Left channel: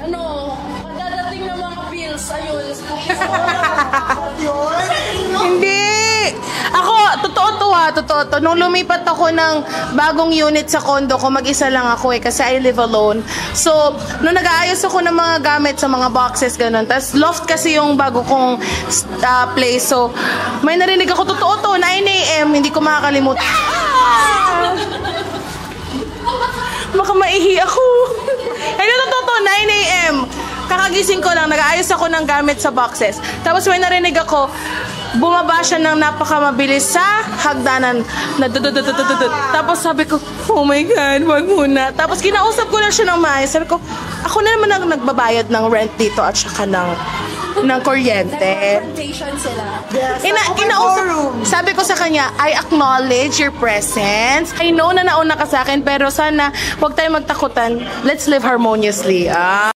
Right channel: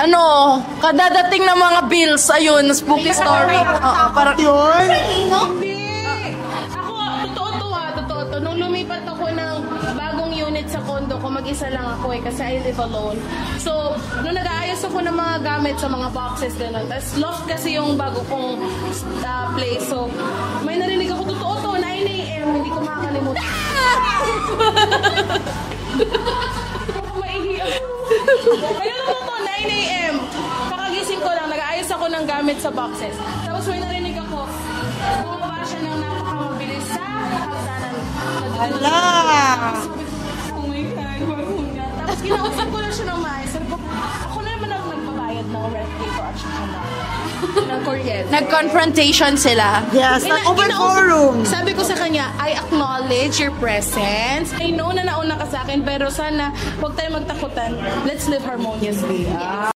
ano, kadadating ng mga bills, ayun, spooky story. Parang Yun? Hindi. ako, totoo to. Nung lumipat ako ng bagong unit sa condo ko, mag-isa lang ako kasi I live alone. So, nung nag-aayos ako ng mga gamit sa mga boxes, ganun. Tapos, loft kasi yung bago kong place. So, may narinig ako, totoo to, 9 AM, hindi ko makakalimutan. Baka maihi ako. Ay, totoo to, 9 AM. Kakagising ko lang, nag-aayos ako ng gamit sa boxes. Tapos may narinig ako, bumaba siya ng napakamabilis sa hagdanan na dudududududud. Tapos sabi ko, oh my God, wag muna. Tapos kinausap ko na siya ng maayos. Sabi ko, ako na naman ang nagbabayad ng rent dito at saka ng kuryente. Nag-confrontation sila. Yes, Kinausap, sabi ko sa kanya, I acknowledge your presence. I know na nauna ka sa akin, pero sana huwag tayo magtakutan. Let's live harmoniously.